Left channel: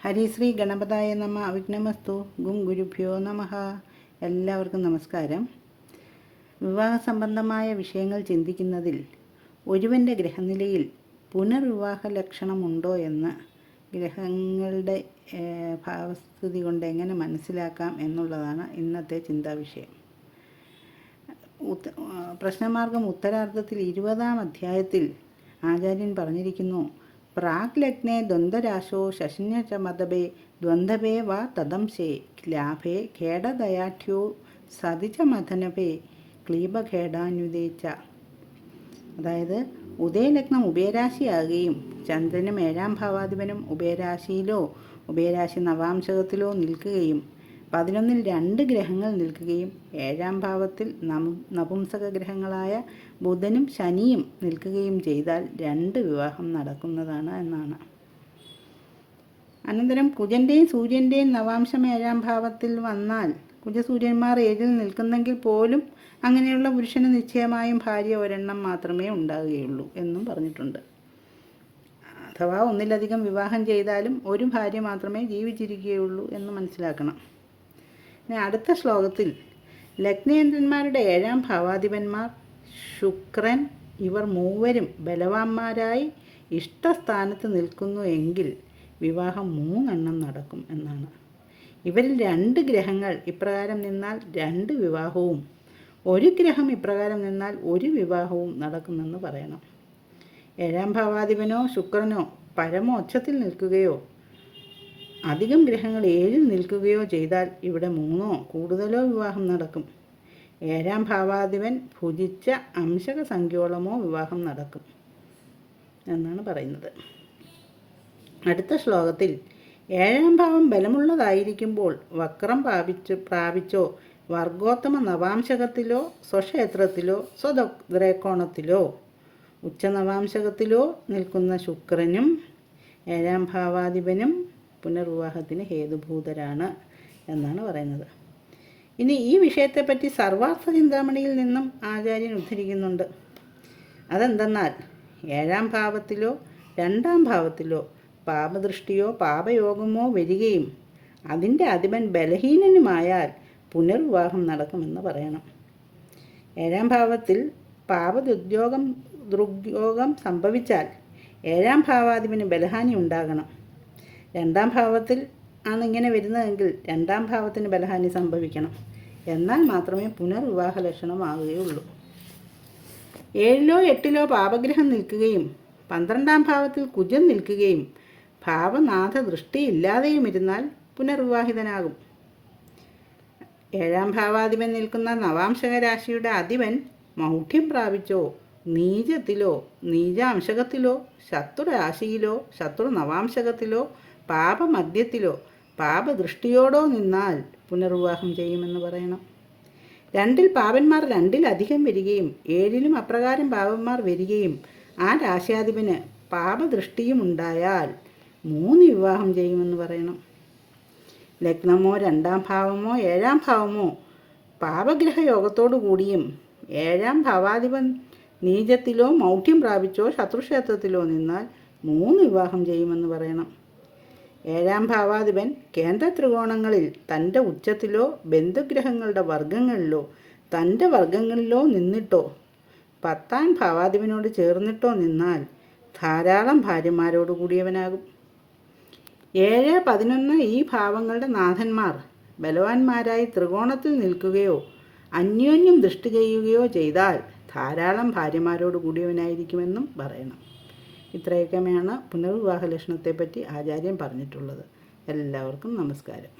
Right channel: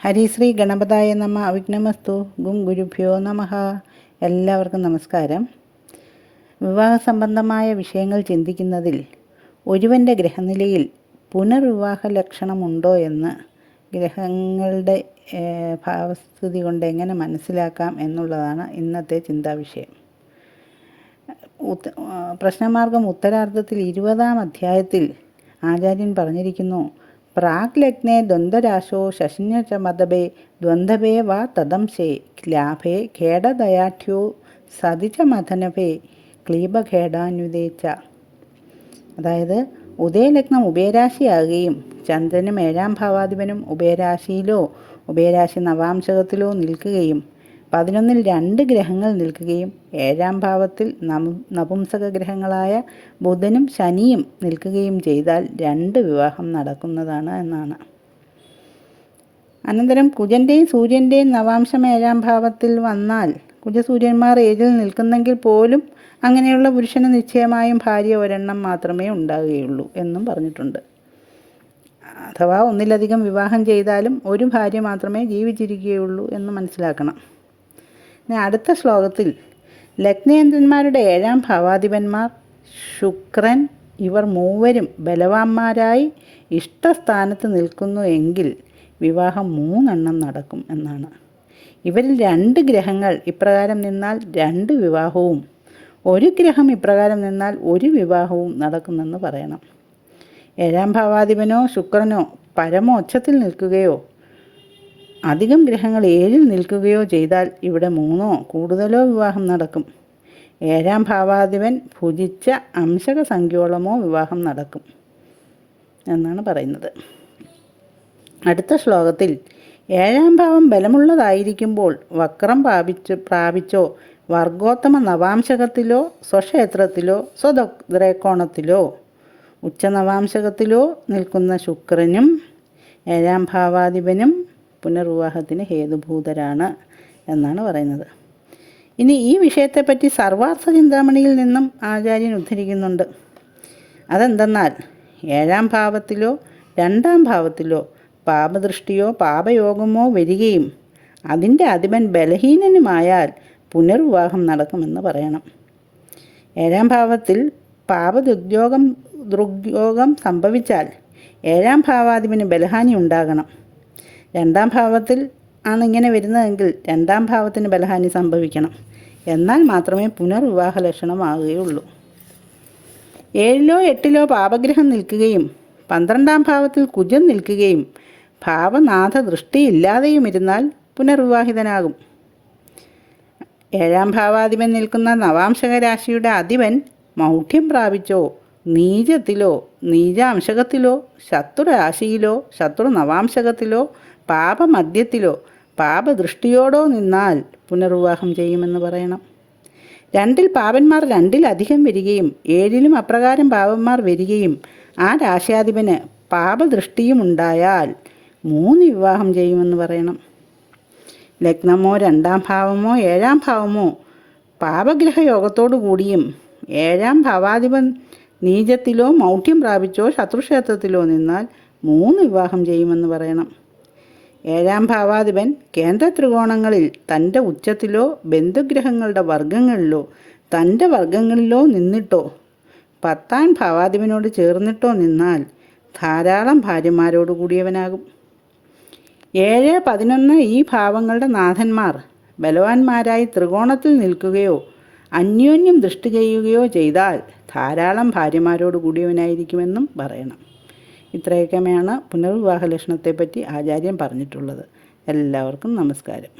ഹരിശ്രീ ഗണപതായ നമ. അവിഘ്നമസ്തു. ഗും ഗുരുഭ്യോ നമഃ. എല്ലാവർക്കും നമസ്കാരം. വിവാഹ സംബന്ധമായ വിഷയങ്ങൾ ചിന്തിക്കുന്നതിൽ ഒരുവൻ്റെ ഗ്രഹനിലയിൽ പുനർവിവാഹ ലക്ഷണമുണ്ടോ എന്ന് ഗ്രഹങ്ങളുടെ ഭാവസ്ഥിതി കൊണ്ട് എങ്ങനെ മനസ്സിലാക്കാം എന്നുള്ളതാണ് ഇന്നത്തെ ചിന്താവിഷയം. പ്രശ്നമാർഗം ഉത്തരാർദ്ധത്തിൽ 20-ാം അധ്യായത്തിൽ ആചാര്യൻ പറഞ്ഞിരിക്കുന്നു: പ്രാഗ് ലഗ്നേ ദ്വന്ദ്വരാശോ ശശിന്യചമതപേ ദ്വന്ദ്വപേ വാ തദംശേ ലാഭേ ഖേടദയാഠ്യോ സതിചമഥനപേ ക്ലീബഖേടാന്യുതേച്ച. അതായത് ഉദയലഗ്നം ഉഭയരാശിയാകുകയും ചന്ദ്രനും 7-ാം ഭാവാധിപനും ഉഭയരാശിയിലോ ഉഭയരാശി നവാംശകത്തിലോ നിൽക്കുകയും 11-ൽ 2 ഗ്രഹങ്ങൾ നിൽക്കുകയും 7-ാം ഭാവത്തിൽ നപുംസക ഗ്രഹങ്ങളായ ബുധനും ശനിയും നിൽക്കുകയും ചെയ്താൽ 2 വിവാഹം നടക്കുന്നതാണ് എന്നാണ്. അനന്തരം കുജൻ്റെയും സൂര്യൻ്റെയും നവാംശം 7-ാം ഭാവത്തിൽ വന്നാൽ കുജസൂര്യന്മാർ 7-ൽ നിൽക്കുന്നെങ്കിൽ പോലും അങ്ങനെയുള്ള പുരുഷന് നിശ്ചയമായും ഭാര്യ ഒരെണ്ണം മാത്രമേ ഉണ്ടാവുകയുള്ളൂ എന്നും പറഞ്ഞിട്ടുണ്ട്. അഥവാ ഒന്നിലധികം വിവാഹം ചെയ്താലും ഒരു ഭാര്യ മാത്രമേ ജീവിച്ചിരിക്കുകയുള്ളൂ എന്ന് മനസ്സിലാക്കണം. അടുത്ത ശ്ലോകത്തിൽ ലഗ്നേന്ദ്രന്മാരുടെ 7-ാം ഭാവാധിപന്മാർ ശുക്രൻ ഇവർ മൂവരും ബലവാന്മാരായി ഇഷ്ടസ്ഥാനത്ത് നിൽക്കുന്നു എങ്കിൽ വിവാഹം 3 നടക്കും എന്നാണ്. ഇവരിൽ 2 ഗ്രഹങ്ങൾ ഇപ്രകാരം നിന്നാൽ 2 വിവാഹവും 1 ഗ്രഹം ഇപ്രകാരം നിന്നാൽ 1 വിവാഹവും നടക്കുമെന്ന് പറയണം. 7-ാം ഭാവാധിപനോ ശുക്രനോ പരമോച്ചത്തിൽ നിൽക്കുകയോ അധികം ഗ്രഹങ്ങൾ 7-ൽ നിൽക്കുകയോ ചെയ്താൽ ഇവിടെ 3 കൂടുതലോ വിവാഹം നടക്കും. 7-ാം ഭാവാധിപൻ ഭുജിച്ച അംശക സംഖ്യോളമോ വിവാഹം നടക്കും എന്നാണ് പറയുന്നത്. അടുത്ത ശ്ലോകത്തിൽ 7-ാം ഭാവം ബലമുള്ളതായിരിക്കുമ്പോൾ വക്രം പ്രാപിച്ചോ വർഗോത്തമ നവാംശകത്തിലോ സ്വക്ഷേത്രത്തിലോ സ്വദ്രേക്കോണത്തിലോ ഉച്ചനവാംശകത്തിലോ നിൽക്കുന്ന ശുക്രനും 7-ാം ഭാവാധിപനും പുനർവിവാഹത്തിന് ഹേതുഭൂതരാണ് എന്നാണ് പറയുന്നത്. ഇനി ഈ വിഷയത്തെപ്പറ്റി സർവാർത്ഥ ചിന്താമണിയിൽ നിന്നും ആചാര്യൻ ഉദ്ധരിക്കുന്നുണ്ട്. അതെന്തെന്നാൽ 7-ാം ഭാവത്തിലോ 2-ാം ഭാവത്തിലോ പാപദൃഷ്ടിയോ പാപയോഗമോ വരികയും അതിൻ്റെ അധിപൻ ബലഹീനനുമായാൽ പുനർവിവാഹം നടക്കുമെന്ന് പറയണം. 7-ാം ഭാവത്തിൽ ദുർയോഗം സംഭവിച്ചാൽ 7-ാം ഭാവാധിപന് ബലഹാനി ഉണ്ടാകണം. 2-ാം ഭാവത്തിൽ ആണ് ഇങ്ങനെ വരുന്നതെങ്കിൽ 2-ാം ഭാവത്തിന് ബലഹാനി സംഭവിക്കണം. എന്നാൽ മാത്രമേ പുനർവിവാഹ ലക്ഷണമാകുകയുള്ളൂ. 7-ലോ 8-ലോ പാപഗ്രഹം നിൽക്കുകയും 12-ാം ഭാവത്തിൽ കുജൻ നിൽക്കുകയും ഭാവനാഥ ദൃഷ്ടിയില്ലാതെയും ഇരുന്നാൽ പുനർവിവാഹിതനാകും. 7-ാം ഭാവാധിപൻ നിൽക്കുന്ന നവാംശക രാശിയുടെ അധിപൻ മൗഢ്യം പ്രാപിച്ചോ നീചത്തിലോ നീചാംശകത്തിലോ ശത്രുരാശിയിലോ ശത്രു നവാംശകത്തിലോ പാപമധ്യത്തിലോ പാപദൃഷ്ടിയോടോ നിന്നാൽ പുനർവിവാഹം ചെയ്യുമെന്ന് പറയണം. 2-ൽ പാപന്മാർ 2-ലധികം വരികയും 7-ലും അപ്രകാരം പാപന്മാർ വരികയും ആ രാശ്യാധിപന് പാപദൃഷ്ടിയും ഉണ്ടായാൽ 3 വിവാഹം ചെയ്യുമെന്ന് പറയണം. ലഗ്നമോ 2-ാം ഭാവമോ 7-ാം ഭാവമോ പാപഗ്രഹയോഗത്തോടു കൂടിയും 7-ാം ഭാവാധിപൻ നീചത്തിലോ മൗഢ്യം പ്രാപിച്ചോ ശത്രുക്ഷേത്രത്തിലോ നിന്നാൽ 3 വിവാഹം ചെയ്യുമെന്ന് പറയണം. 7-ാം ഭാവാധിപൻ കേന്ദ്ര ത്രികോണങ്ങളിൽ തൻ്റെ ഉച്ചത്തിലോ ബന്ധുഗ്രഹങ്ങളുടെ വർഗങ്ങളിലോ തൻ്റെ വർഗങ്ങളിലോ നിന്നിട്ടോ 10-ാം ഭാവാധിപനോട് ചേർന്നിട്ടോ നിന്നാൽ ധാരാളം ഭാര്യമാരോട് കൂടിയവനാകും. 7, 11 ഈ ഭാവങ്ങളുടെ നാഥന്മാർ ബലവാന്മാരായി ത്രികോണത്തിൽ നിൽക്കുകയോ അന്യോന്യം ദൃഷ്ടി ചെയ്യുകയോ ചെയ്താൽ ധാരാളം ഭാര്യമാരോട് കൂടിയവനായിരിക്കുമെന്നും പറയണം. ഇത്രയൊക്കെയാണ് പുനർവിവാഹ ലക്ഷണത്തെപ്പറ്റി ആചാര്യൻ പറഞ്ഞിട്ടുള്ളത്. എല്ലാവർക്കും നമസ്കാരം.